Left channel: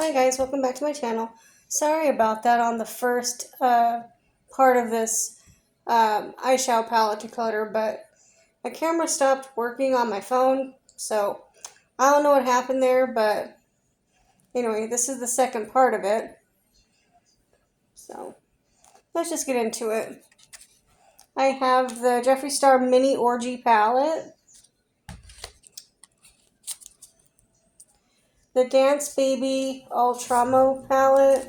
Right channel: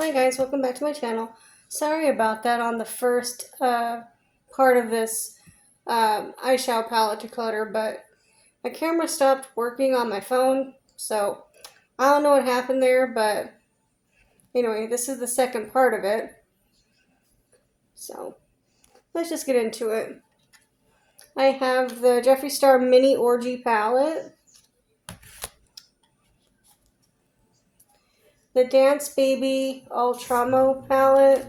Hi guys, welcome back to my channel. Sorry about that on the first part of this eyeshadow palette declutter, but my camera stopped working on my phone, so I don't know what happened there, but anyway, this is the second part of it. So let's just get into it. I have the Jeffree Star Mini Orgy palette, the Dance Baby Ultramo palette.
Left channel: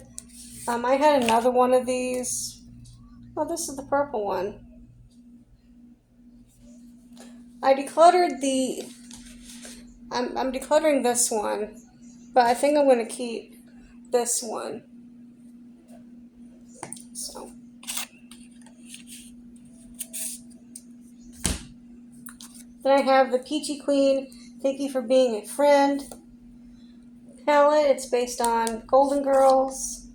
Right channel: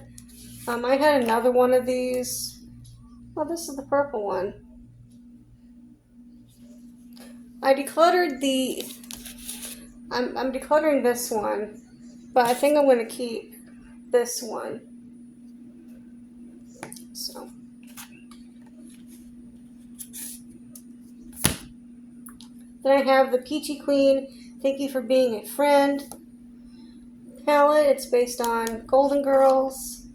I had another one of these. Oh, this is the purple one. I decluttered the, I'm decluttering this one, but I think I'm going to keep this one. So, then I have the Peachy Queen, Thank You for Being a Friend palette. It's based on Golden Girls.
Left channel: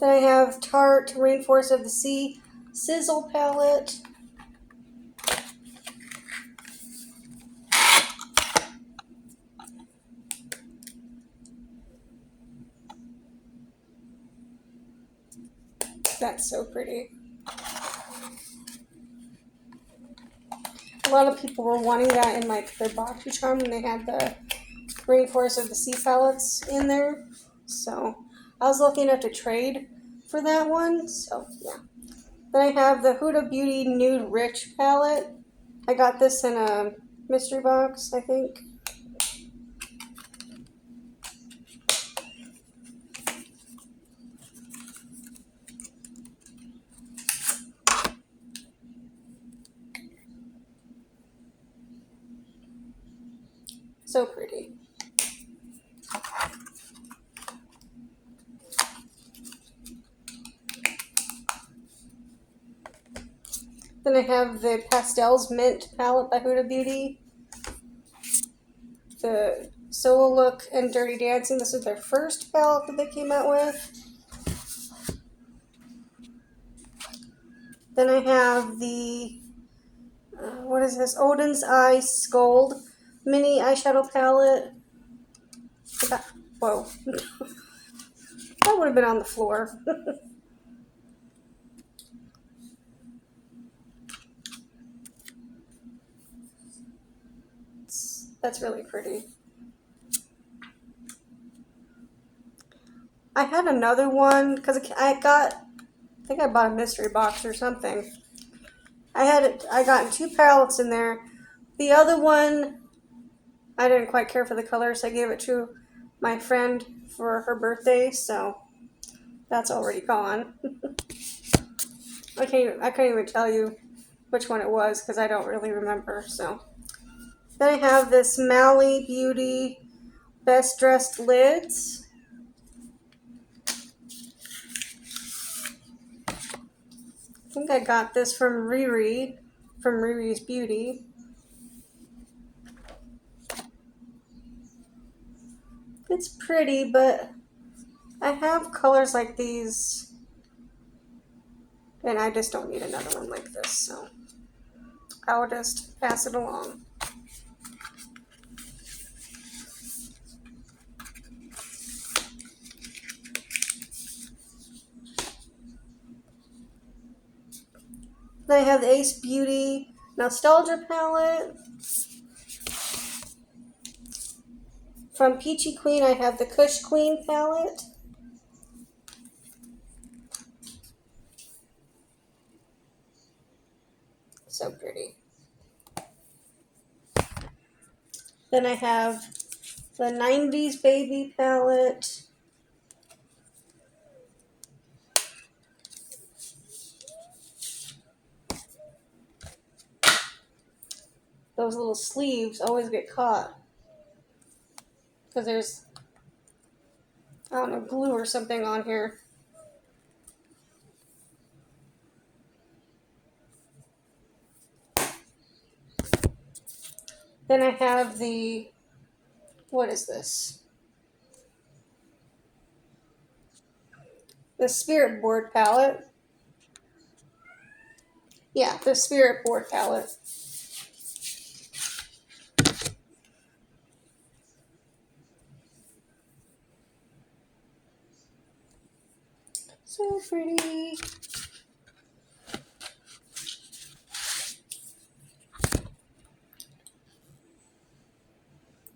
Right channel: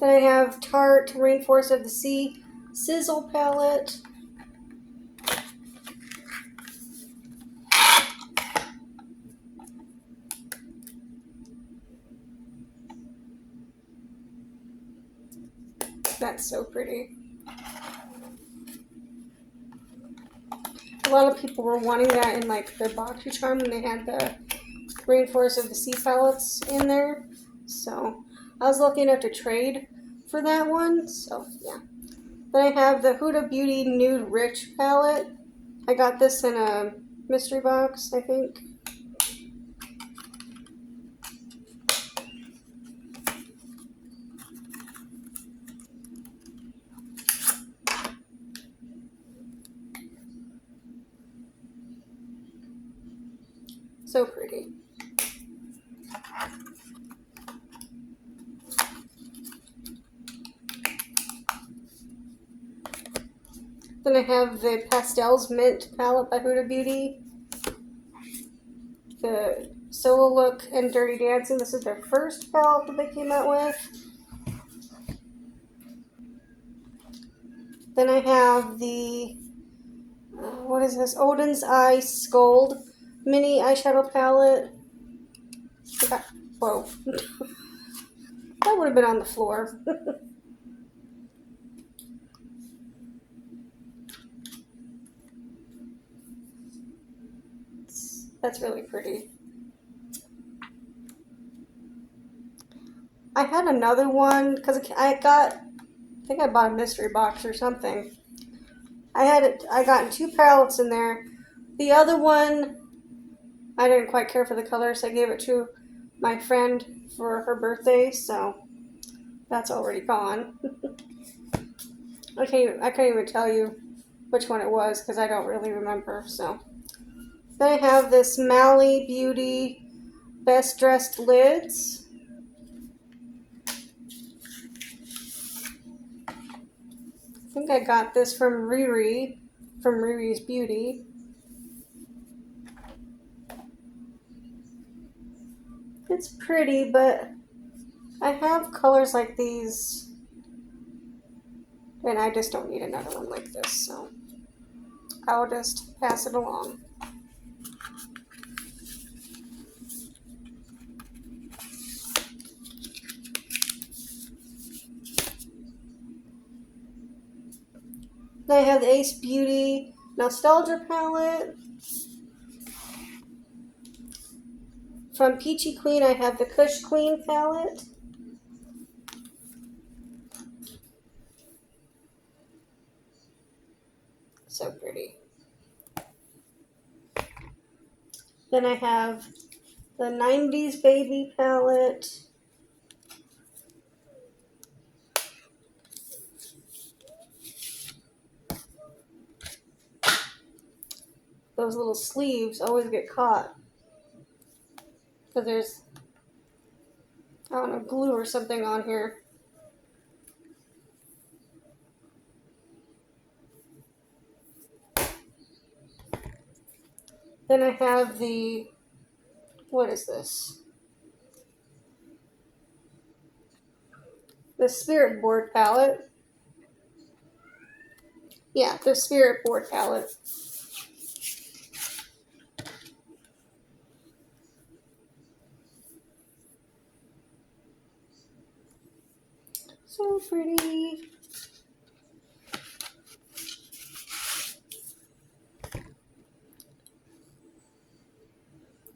Then I have Tarte Rainforest of the Sea Sizzle palette. That's so pretty. A lot of people were wanting that in like their boxy charm when they had the Rainforest of the Sea palettes in there. So I was lucky enough to trade for that one. So yeah. Then I have the Huda Beauty Nude Rich palette. I got this in a mystery box, I think. So pretty. Then I have the Pastels Mint palette by Huda Beauty. The Solo Look and Dirty Dancing. This is their first palette that they came out with. Then I have the, what is this? Odin's Eyes Gold mini eyeshadow palette. Whoa. That would have been on the floor. That's really pretty. I had another one because I think I bought a mystery box or something. I got 2 palettes in there. The other one, I didn't quite care for the color, so I gave it to my friend for her birthday, so that's already gone. I can't even tell you which one it was because I don't really remember. So then I have this Mally Beauty Best Dressed Lids. I think I got this from Riri, from Riri's Beauty. It's pretty, but I have colors like these, and I just don't need another one like this, so I'll just pass it along. Then I have the Ace Beauty Nostalgia palette. From Peachy Queen, I have the Kush Queen palette. So pretty. Then I have the 90s Baby palette. Those little sleeves always get caught because there's, I don't know, glue or something on here. Then I have the, what is this? the Spirit Board palette. Yeah, the Spirit Board palette. So pretty.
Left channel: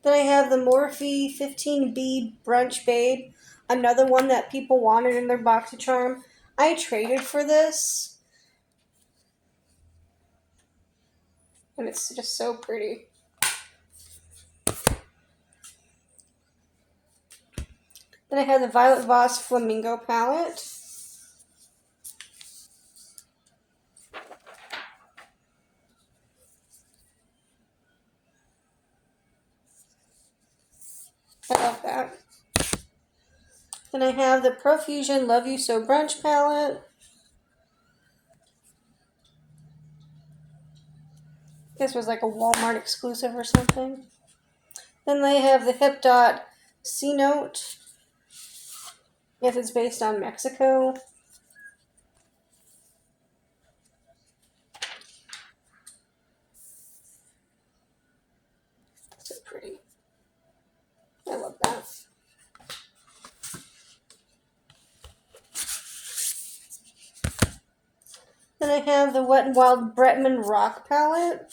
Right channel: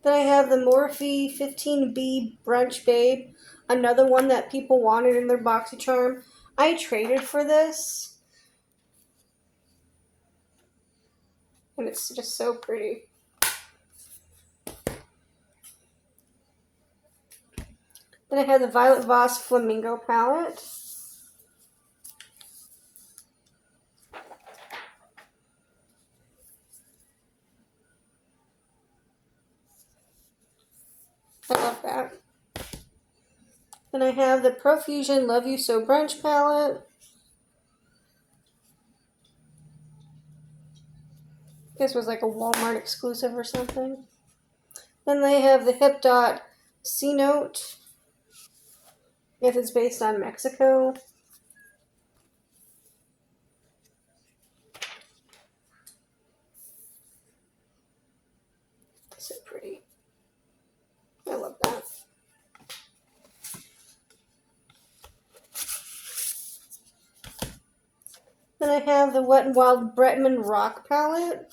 Then I have the Morphe 15B Brunch Babe. Another one that people wanted in their BoxyCharm. I traded for this. And it's just so pretty. Then I have the Violet Voss Flamingo palette. I love that. Then I have the Profusion Love You So Brunch palette. This was like a Walmart exclusive or something. Then they have the Hip Dot C Note. Yes, it's based on Mexico. So pretty. I love that. Then I have the Wet n Wild Bretman Rock palette.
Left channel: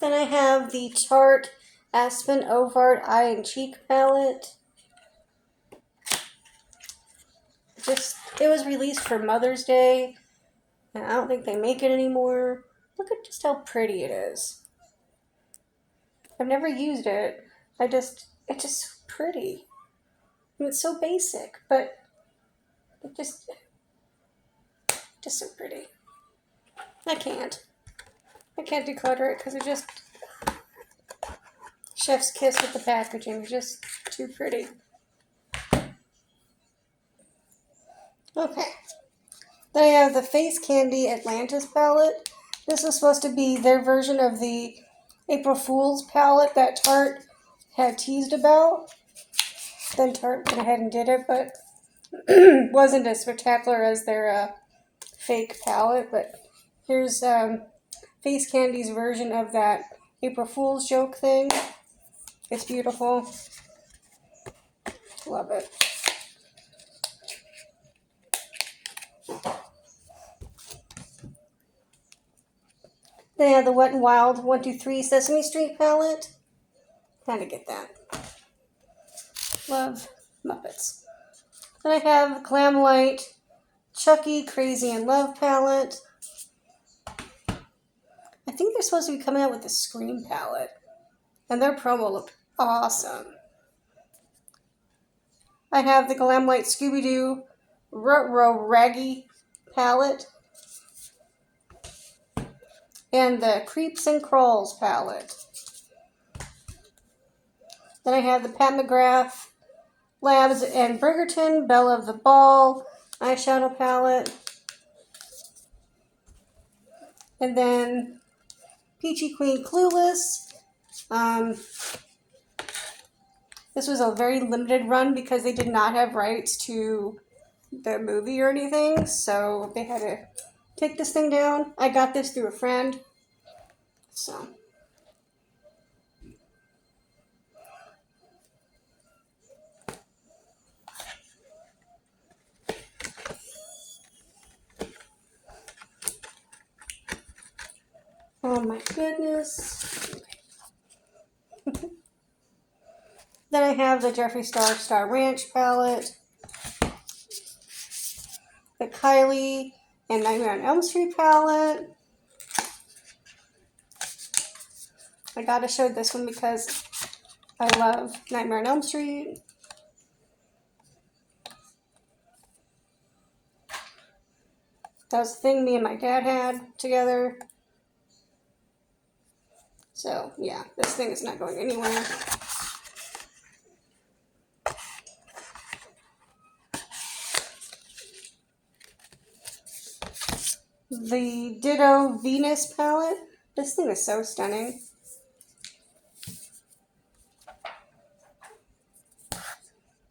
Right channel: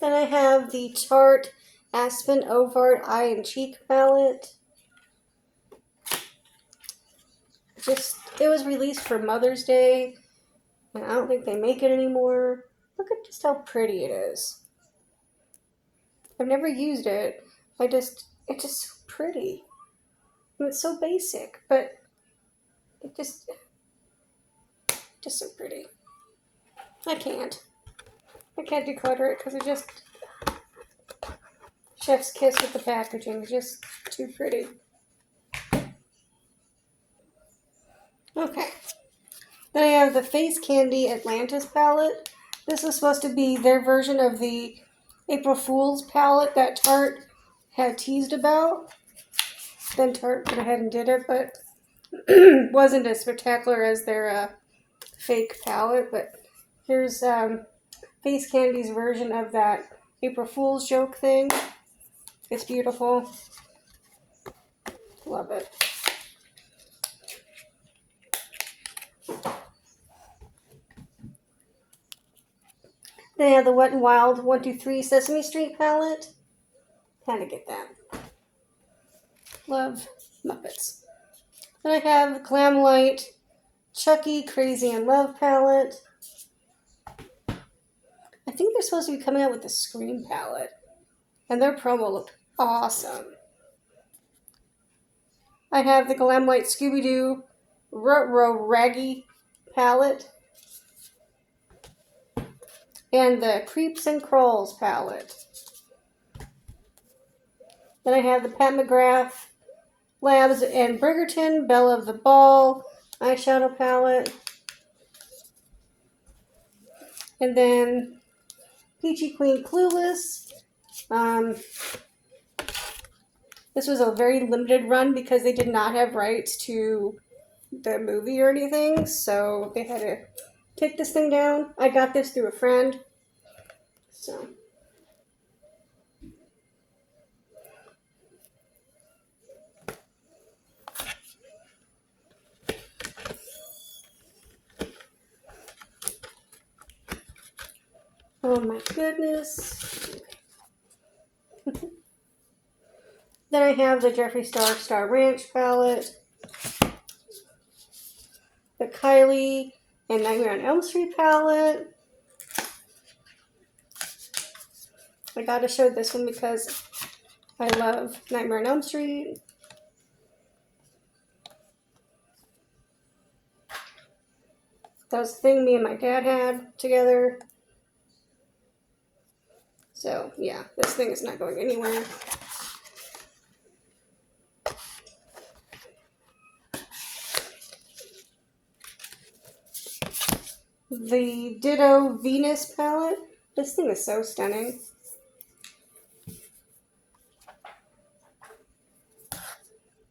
Then I have the Tarte Aspen Ovart Eye and Cheek palette. It was released for Mother's Day, and I don't think they make it anymore. Look at just how pretty it is. I've never used it. It's just so pretty. I mean, it's so basic, but it just so pretty. I can't declutter it because it just chef's kiss with the packaging. It's just too pretty. Okay. Then I have the Face Candy Atlantis palette. This is supposed to be their version of the April Fool's palette that Tarte had teased about. Then Tarte went ahead and did it, but wasn't as spectacular as their fake palette. But here's Face Candy's version of that April Fool's joke thing. It's beautiful. Love it. They have the Wet n Wild 123 Sesame Street palette. Kind of get that. Love Muppets. Then I have Glamlite Chucky Crazy in Love palette. I think they're supposed to be coming out with the Scream palette. And their promo looked awesome. I have the Glamlite Scooby-Doo Ruh-Roh Raggy palette. And the Creeps and Crawls palette. Then I have the Pat McGrath Labs and Bridgerton Belle of the Ball eyeshadow palette. And then Peachy Queen Clueless. This was a very limited run because they did not have rights to the movie or anything, so they had to take this thing down. I got this through a friend, so. Oh my goodness. Okay. Then I have the Jeffree Star Ranch palette, the Kylie and Nightmare on Elm Street palette. I gotta show this one because I love Nightmare on Elm Street. That was the thing me and my dad had together. So, yeah, this thing is not going anywhere. the Ditto Venus palette. This thing is so stunning.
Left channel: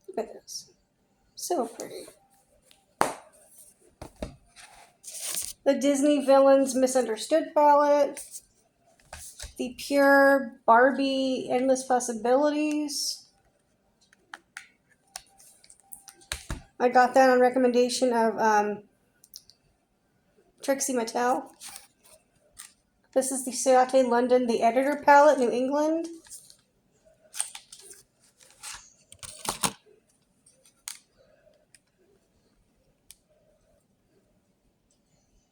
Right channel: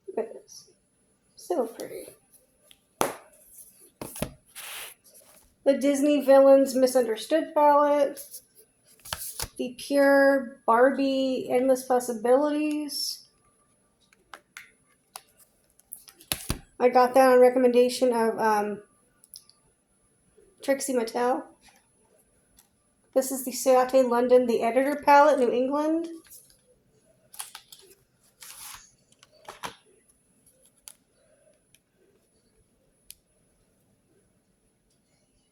Look at this. So pretty. The Disney Villains Misunderstood palette. The Pure Barbie Endless Possibilities. I got that on recommendation of Trixie Mattel. This is the Ciate London, the Editor palette, New England.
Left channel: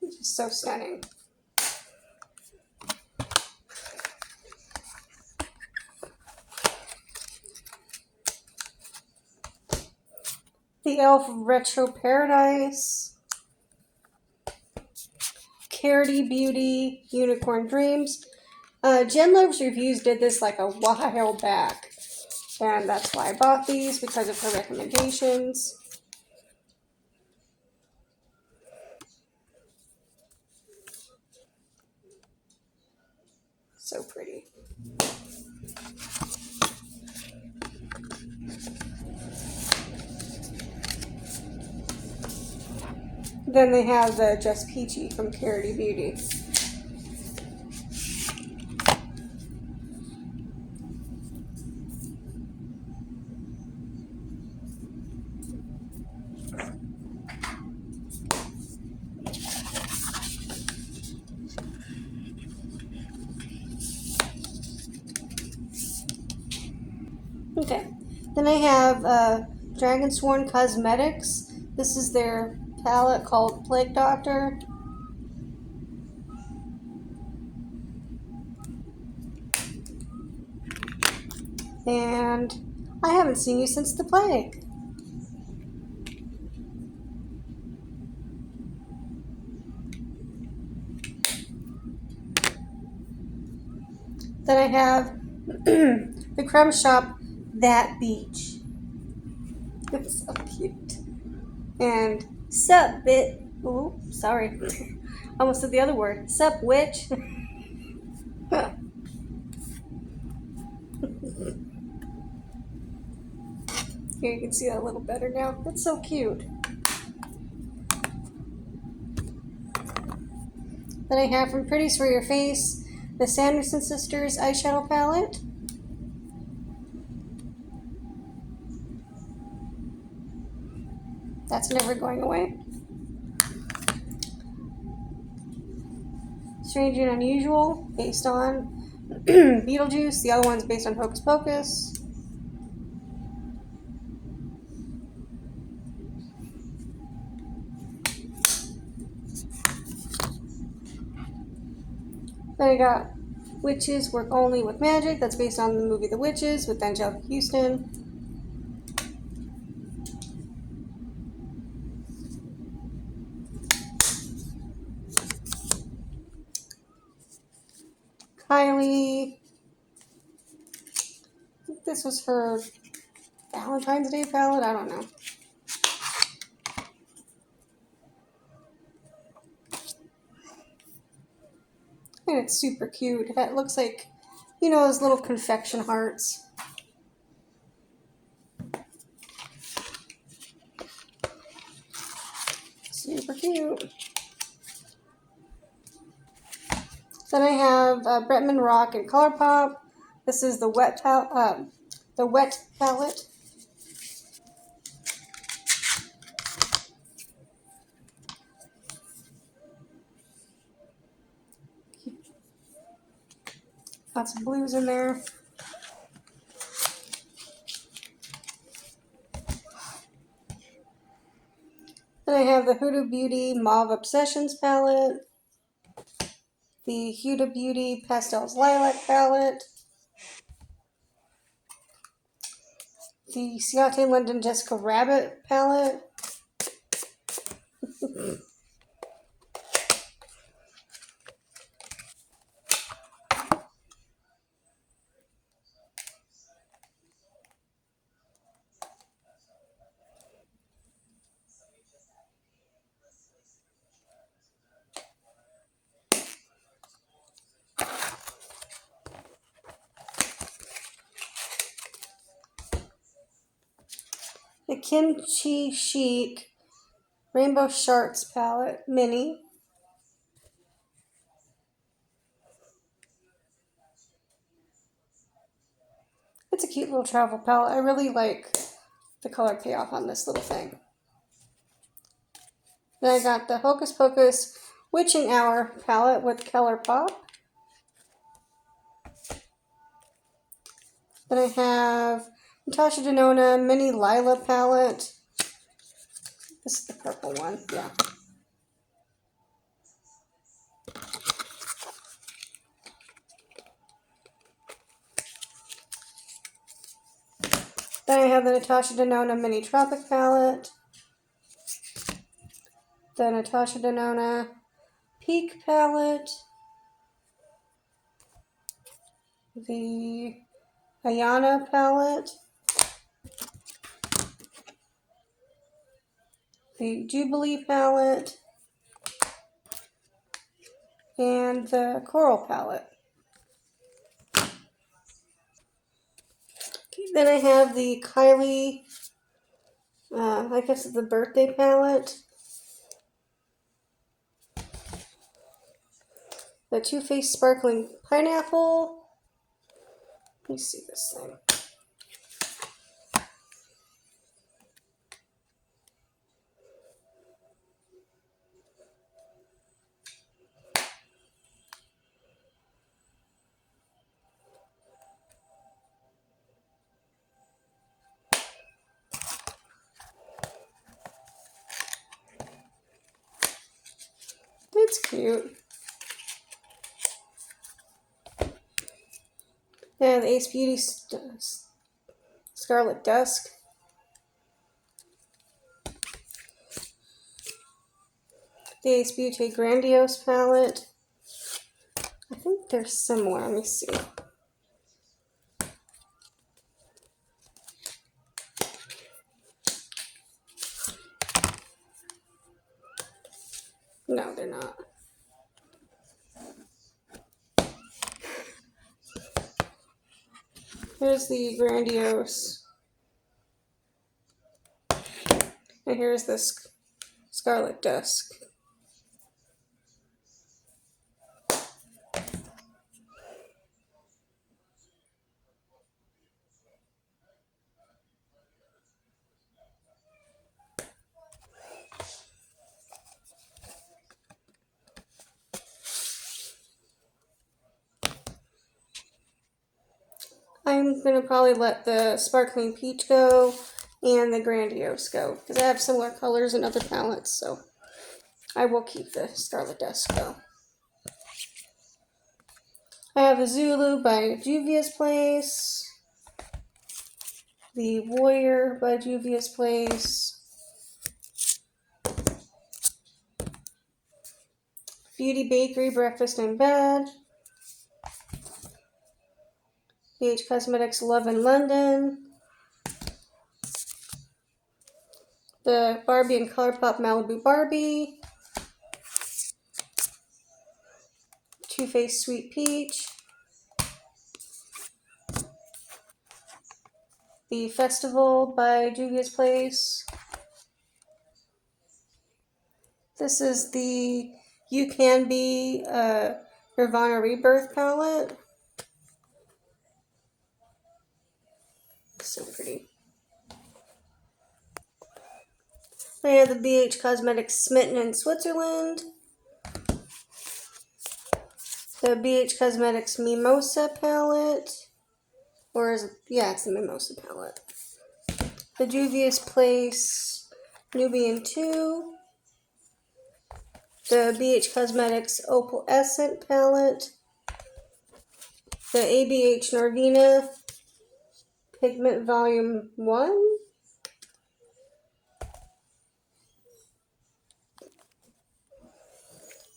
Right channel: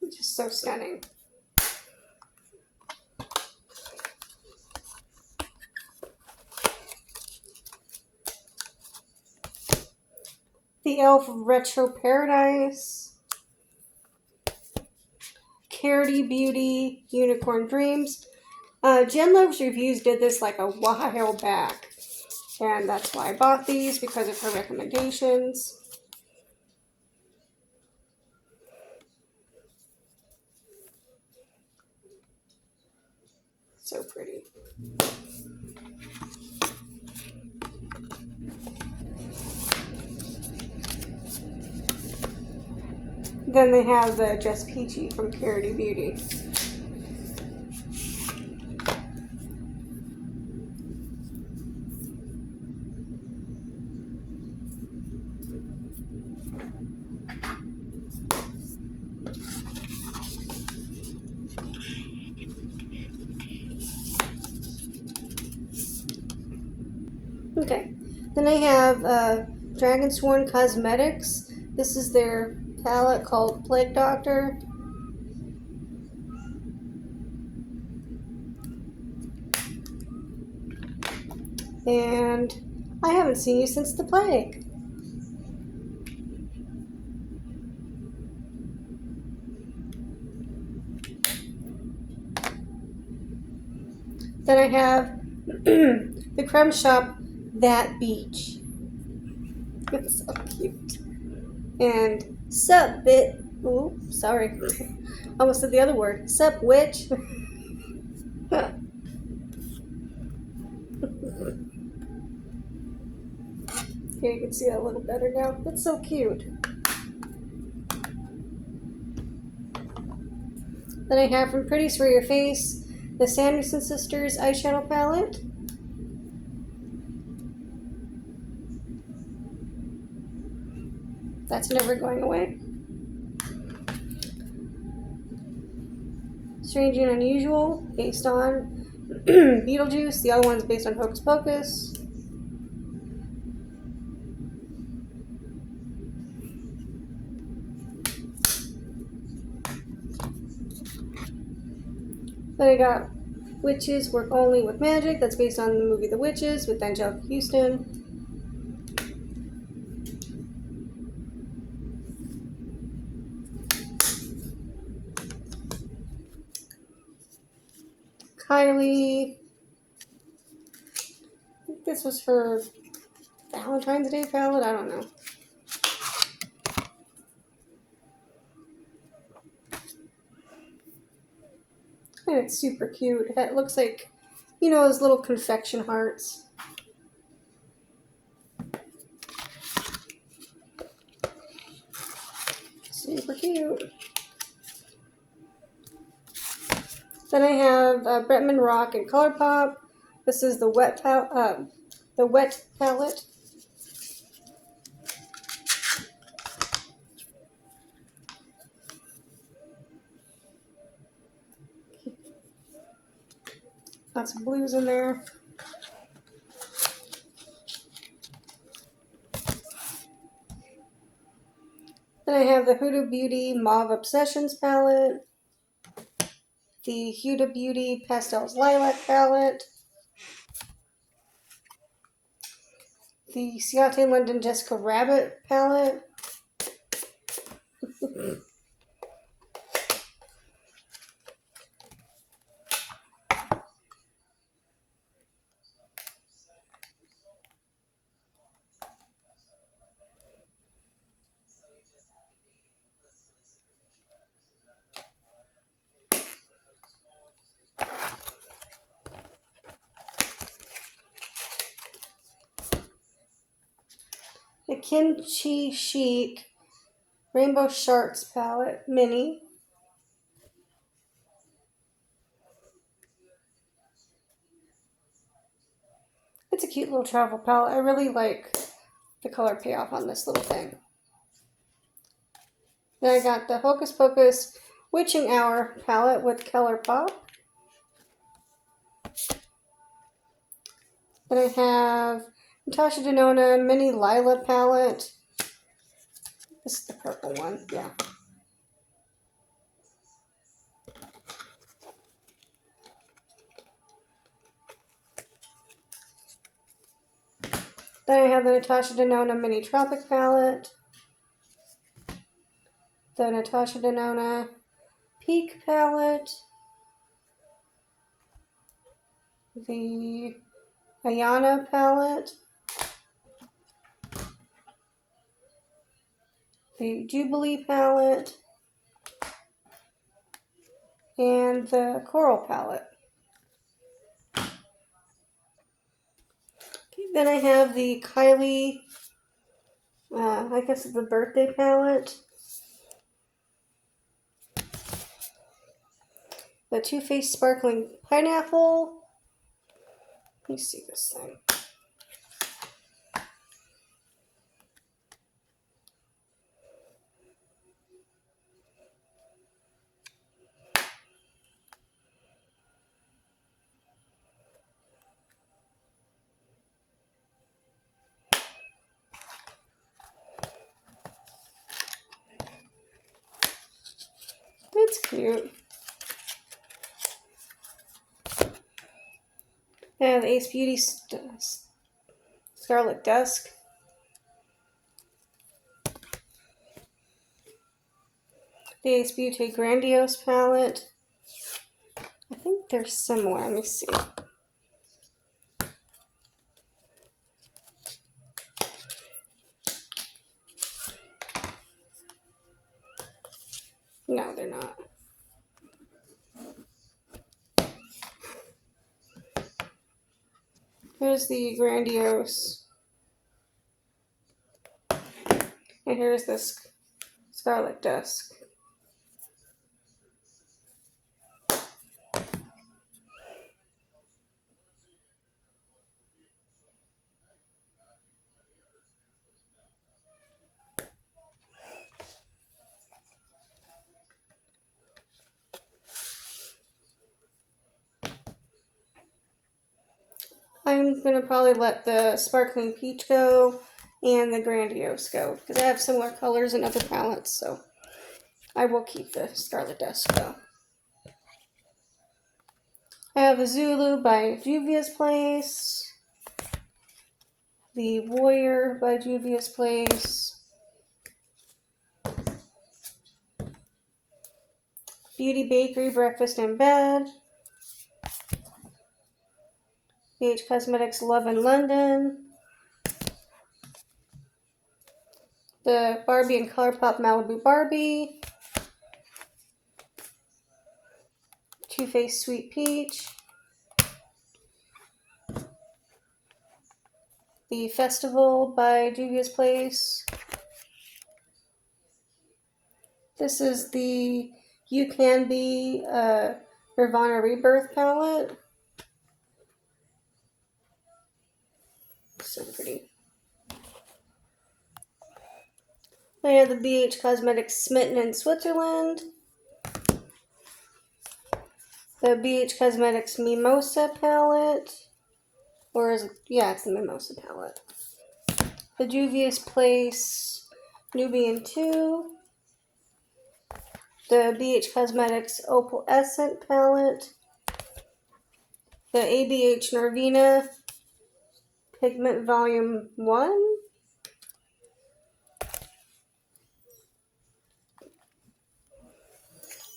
It's just so stunning. The Elf Retro Paradise. Carity Beauty Unicorn Dreams. Jen Love's Reviews did this like a while back. And that's why I bought these, because of her recommendations. So pretty. Then they have the Just Peachy from Carity Beauty. Okay, then I have Dragon Sworn Cosmetics. This is their palette called Plague Doctor. And I haven't seen you since the plague. Then I have the Crumb Shop That Beach. It's so cute. And Sup Bit. Oh, sorry. Almost said the other word. Sup Witch. Here you can see that a little better now. That's so cute. Then I have from Pretties for Your Face, the Sanderson Sisters eyeshadow palette. That's never going away. Strange and Unusual, based on Beetlejuice. The other one's based on Hocus Pocus. Then I got Witches Work Only with Magic. That's based on the movie The Witches with Angelica Houston. Kylie. I think this was her Valentine's Day palette. I don't know. And it's super cute. It looks like, you know, those little confection hearts. Super cute. Then I have Bretman Rock and ColourPop. This is the wet palette. Lots of blues in there. Then I have the Huda Beauty Mauve Obsessions palette. The Huda Beauty Pastels Lilac palette. The Ciate London Jessica Rabbit palette. the Kimchi Chic Rainbow Sharks palette, mini. It's a cute little travel palette. I really like the color payoff on this little thing. Then I got the Hocus Pocus Witching Hour palette with Color Pop. Then I have Natasha Denona Mini Lila palette. This is the purple one, yeah. Then I have the Natasha Denona Mini Tropic palette. The Natasha Denona Peak palette. The Ayana palette. The Jubilee palette. And the Coral palette. Okay, then I have the Kylie, I guess it's the birthday palette. The Too Faced Sparkling Pineapple. Let me see this thing. It's cute. I have the Ace Beauty Scarlet Dusk. The Ace Beauty Grandiose palette. I think they're similar. Let me see. No, they're not. Here's the Grandiose. And here's the Scarlet Dusk. I'm going to probably let the Sparkling Peach go and the Grandiose go because I have similar colors in other palettes, so I will keep the Scarlet Dusk though. I have the Zulu by Juvia's Place, the Warrior by Juvia's Place, Beauty Bakery Breakfast in Bed, BH Cosmetics Love in London, the Barbie and ColourPop Malibu Barbie, Too Faced Sweet Peach, the Festival by Juvia's Place. This is the You Can Be Nirvana Rebirth palette. So pretty. I have the BH Cosmetics Smitten in Switzerland. The BH Cosmetics Mimosa palette. Or is it? Yeah, it's the Mimosa palette. The Juvia's Place Nubian 2. The BH Cosmetics Opal Essence palette. The ABH Narvina Pigment Volume 1.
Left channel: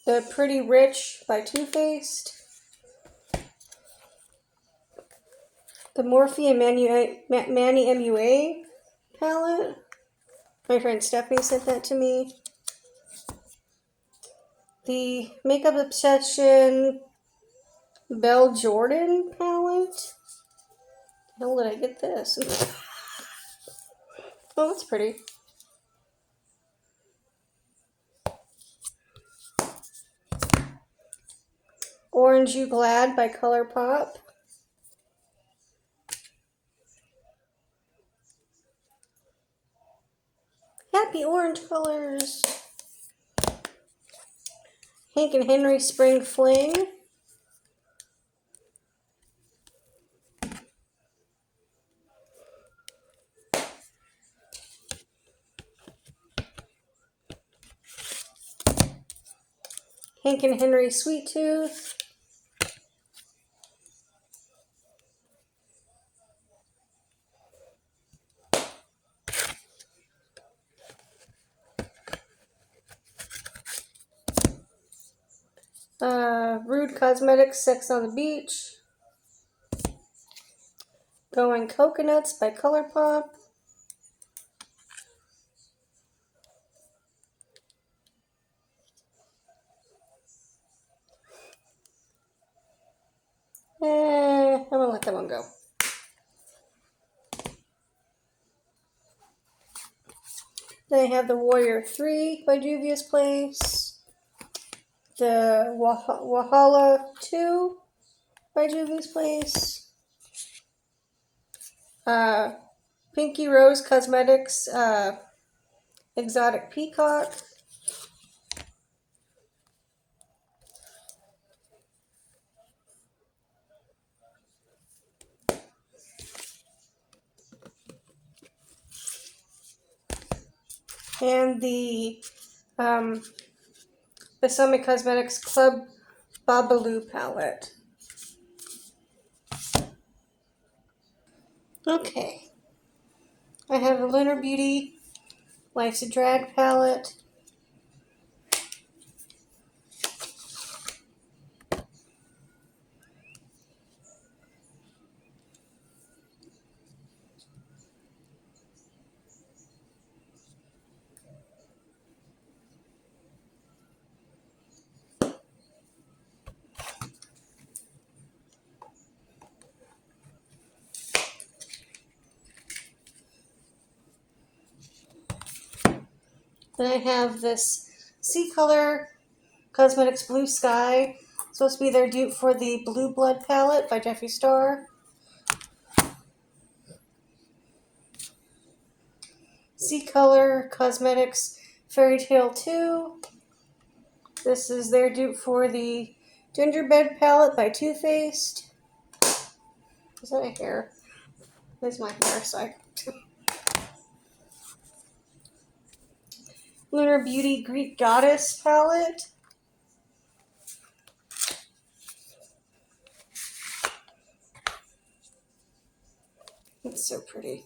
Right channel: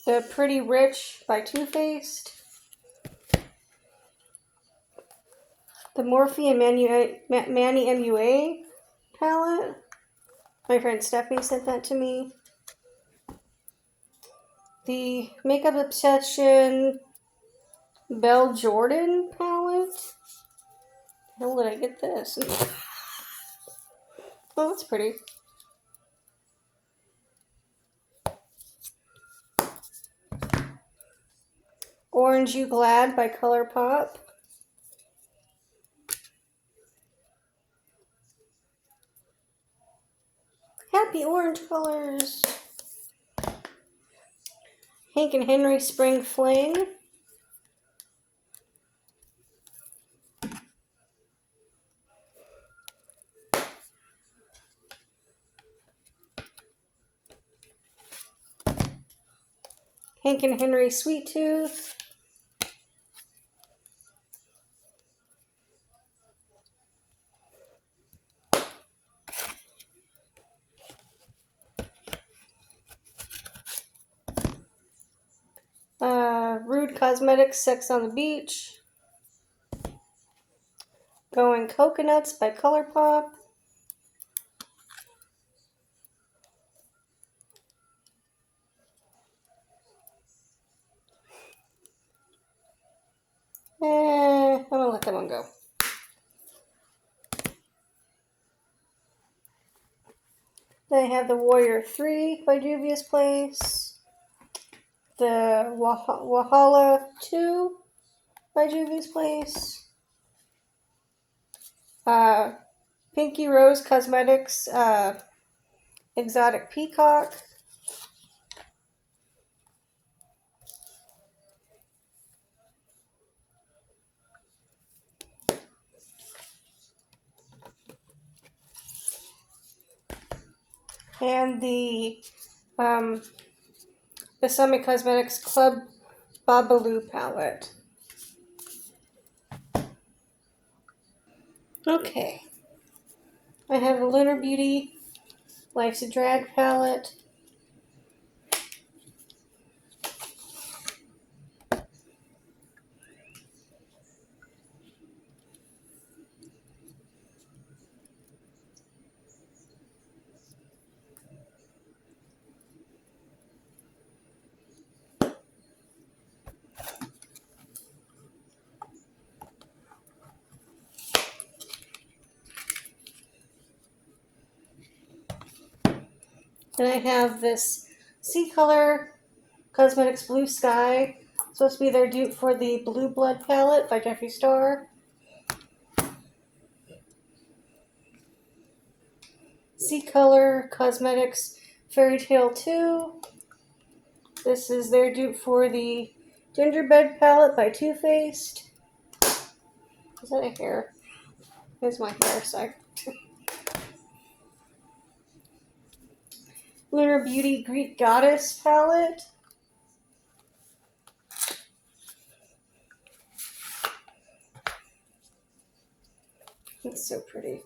The Pretty Rich by Too Faced. The Morphe and Manny MUA palette. My friend Stephanie sent that to me. The Makeup Obsession Belle Jordan palette. How did I get this? Oh, that's pretty. Orange You Glad by ColourPop. Happy orange colors. Hank and Henry Spring Fling. Hank and Henry Sweet Tooth. Rude Cosmetics Sex on the Beach. Going Coconuts by ColourPop. I'm gonna let that one go. Then I have the Warrior 3 by Juvia's Place. The Wahala 2 by Juvia's Place. Pinky Rose Cosmetics Exotic Peacock. And the Summit Cosmetics Club Babalu palette. Okay. I have the Lunar Beauty Life's a Drag palette. Then I have this Sea Color Cosmetics Blue Sky. It's supposed to be their dupe for the Blue Blood palette by Jeffree Star. Sea Color Cosmetics Fairy Tale 2. This is their dupe for the Gingerbread palette by Too Faced. Is that a hair? There's my hair, so Lunar Beauty Greek Goddess palette. It's so pretty.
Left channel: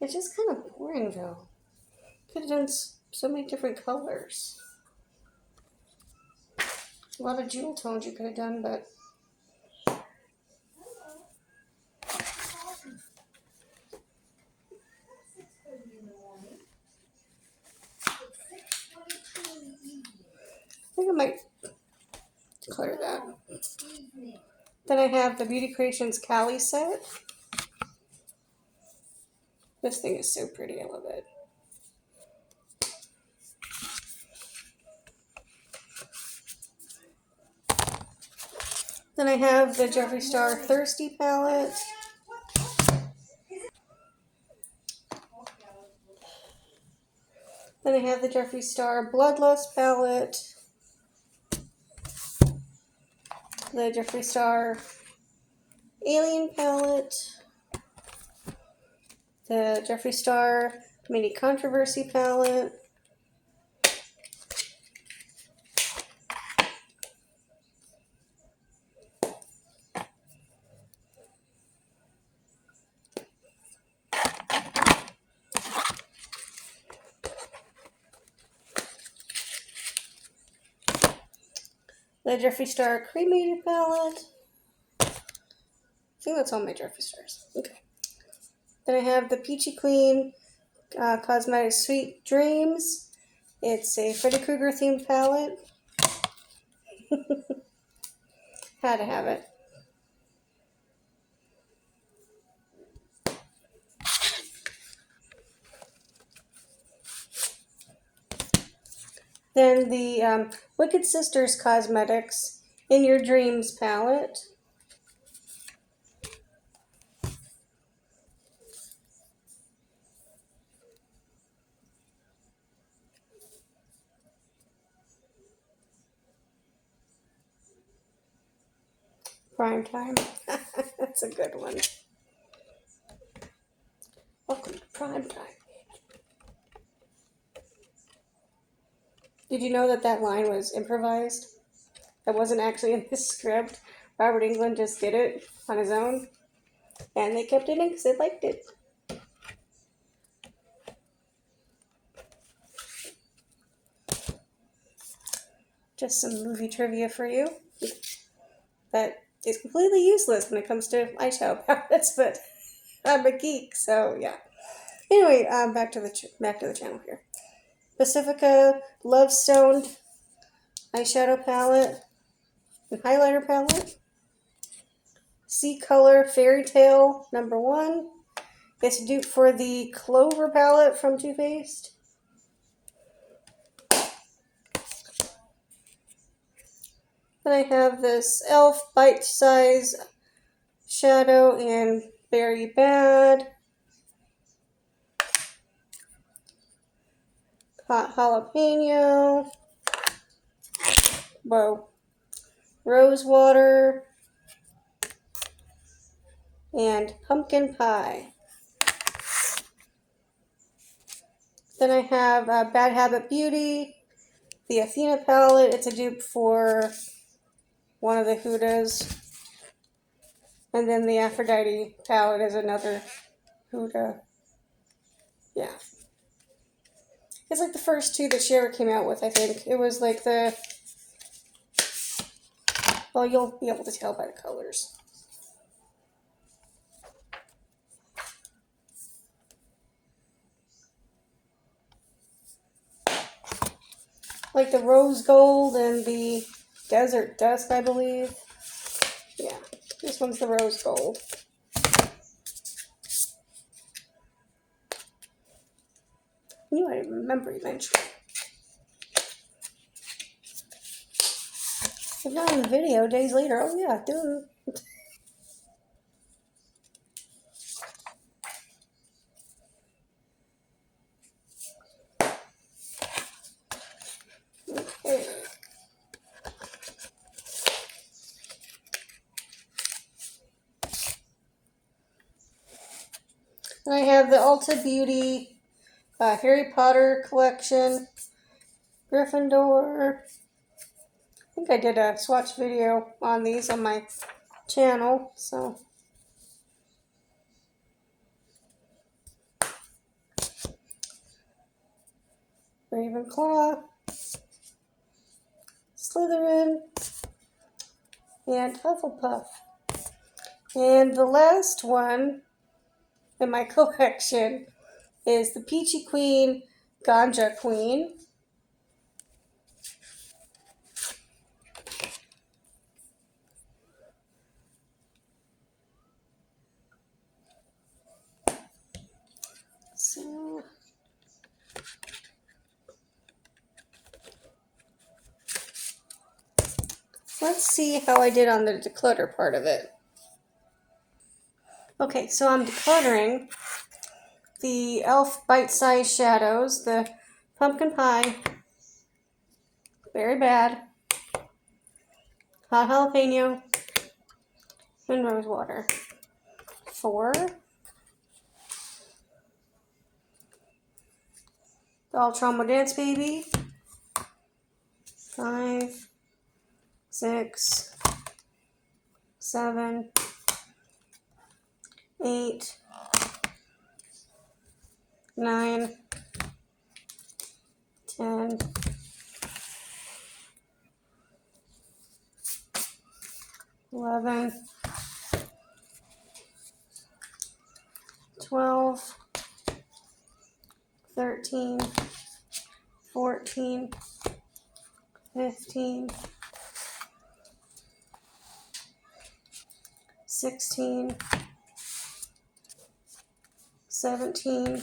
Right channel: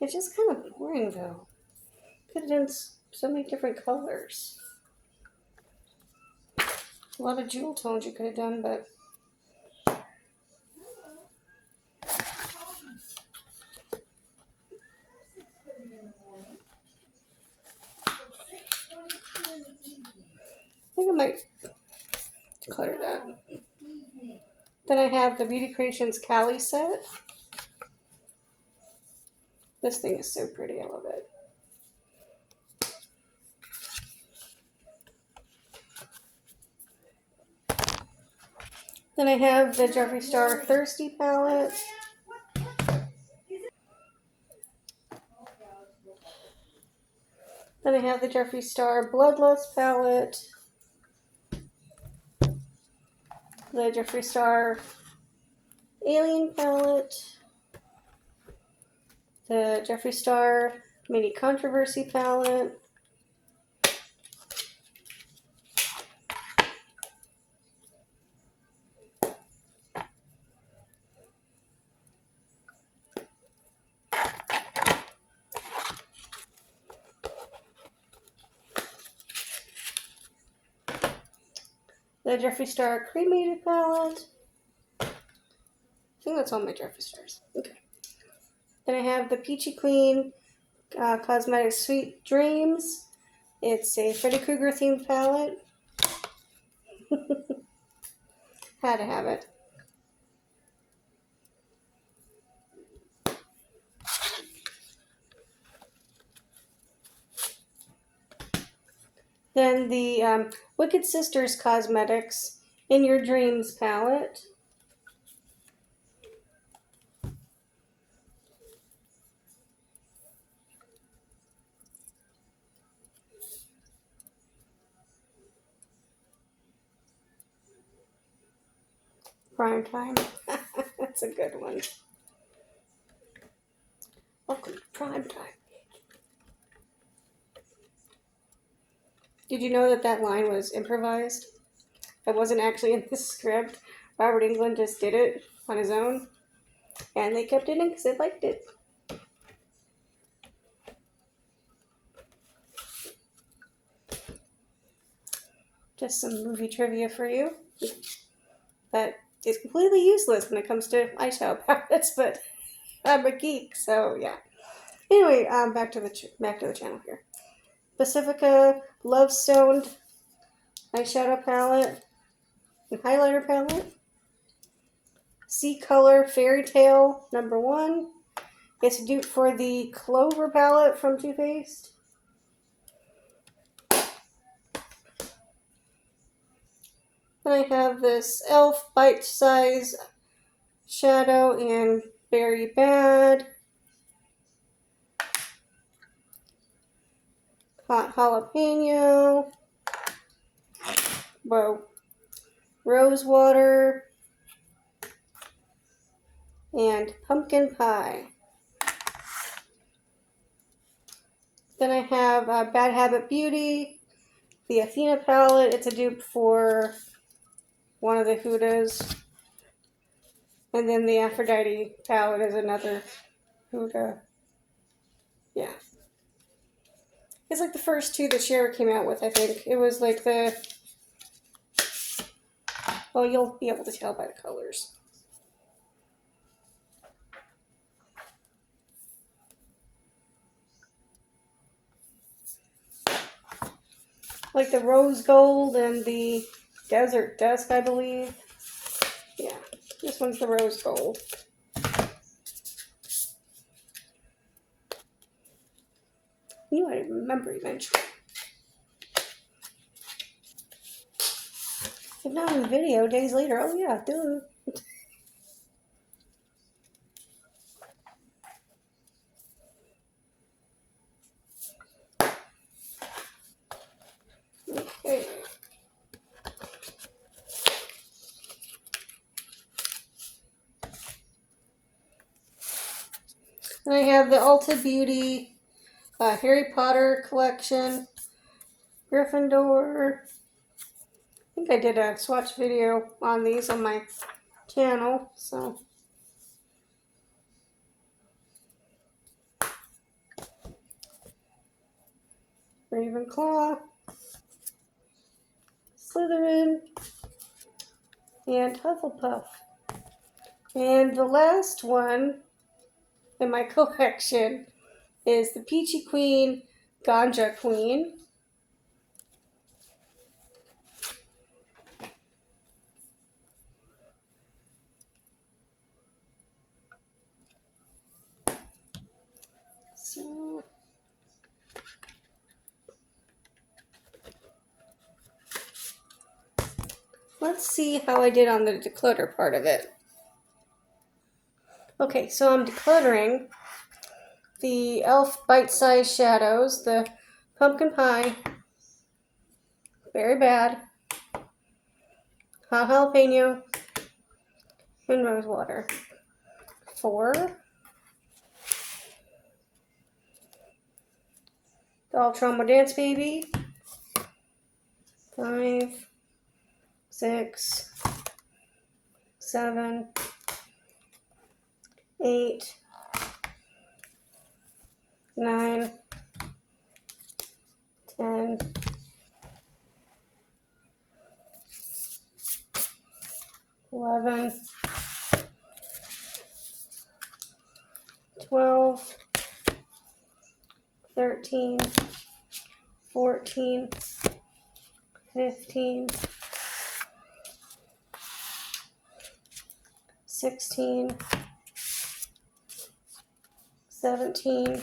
It's just kind of boring though. Could have done so many different colors. A lot of jewel tones you could have done, but I think I might declutter that. Then I have the Beauty Creations Cali set. This thing is so pretty, I love it. Then I have the Jeffree Star Thirsty palette. Then I have the Jeffree Star Bloodlust palette. The Jeffree Star Alien palette. The Jeffree Star Mini Controversy palette. The Jeffree Star Cremated palette. I think that's all my Jeffree Stars. Okay. Then I have the Peachy Clean Cosmetics Sweet Dreams. It's a Freddy Krueger themed palette. Had to have it. Then the Wicked Sisters Cosmetics In Your Dreams palette. Prime Time. That's a good one. Welcome to Prime Time. Did you know that that line was improvised? That wasn't actually in the script. Robert Englund just did it on his own. And they kept it in because they liked it. Just some movie trivia for you. That is completely useless when it comes to eyeshadow palettes, but I'm a geek, so yeah. Anyway, back to the channel here. Pacifica Love Stoned eyeshadow palette and highlighter palette. Sea Color Fairy Tale #1. It's a dupe for the Clover palette from Too Faced. Then I have this e.l.f. Bite Size Shadow in Very Bad. Hot Jalapeno. Whoa. Rose Water. And Pumpkin Pie. Then I have Bad Habit Beauty. The Athena palette. It's a dupe for one of the Hudas. And then the Aphrodite palette is another Huda. Yeah. It's like the first two that she ever came out with, I think. It was like the... Well, you'll be able to tell by the colors. Like the Rose Gold and the Desert Dusk, I believe. Yeah, this one's the Rose Gold. I didn't remember you mentioned it. But now in the video, days later, oh yeah, duh. Okay. And I have the Ulta Beauty Harry Potter collection, Gryffindor. I think I did a swatch video on these on my channel, so. Ravenclaw, Slytherin, and Hufflepuff. And the last one in my collection is the Peachy Queen, Ganja Queen. So, let's see how I did on the declutter part of it. Okay, so I'm decluttering the e.l.f. Bite Size Shadows, the Pumpkin Pie, Very Bad, Hot Jalapeno, and Rose Water. 4. The All Trauma Dance Baby. 5, 6, 7, 8, 9, 10, 11, 12, 13, 14, 15, 16, 17,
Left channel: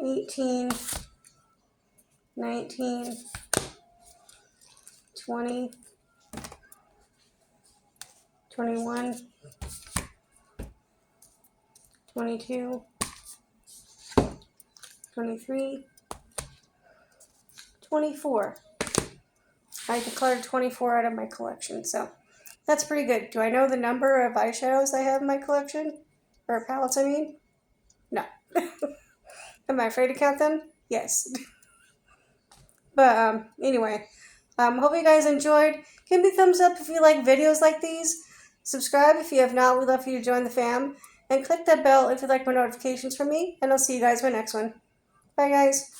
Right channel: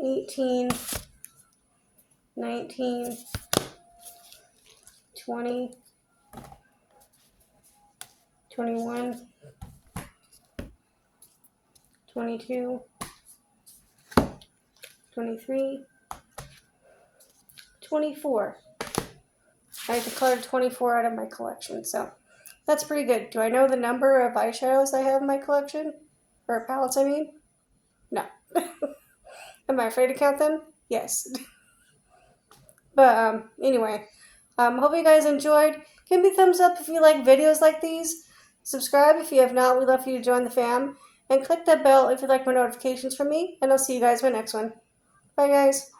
18, 19, 20, 21, 22, 23, 24. I decluttered 24 out of my collection, so that's pretty good. Do I know the number of eyeshadows I have in my collection? Or palettes, I mean? No. Am I afraid to count them? Yes. But anyway, hope you guys enjoyed. Give me a thumbs up if you like videos like these. Subscribe if you have not. We'd love for you to join the fam. And click that bell if you'd like more notifications from me. And I'll see you guys in my next one. Bye, guys.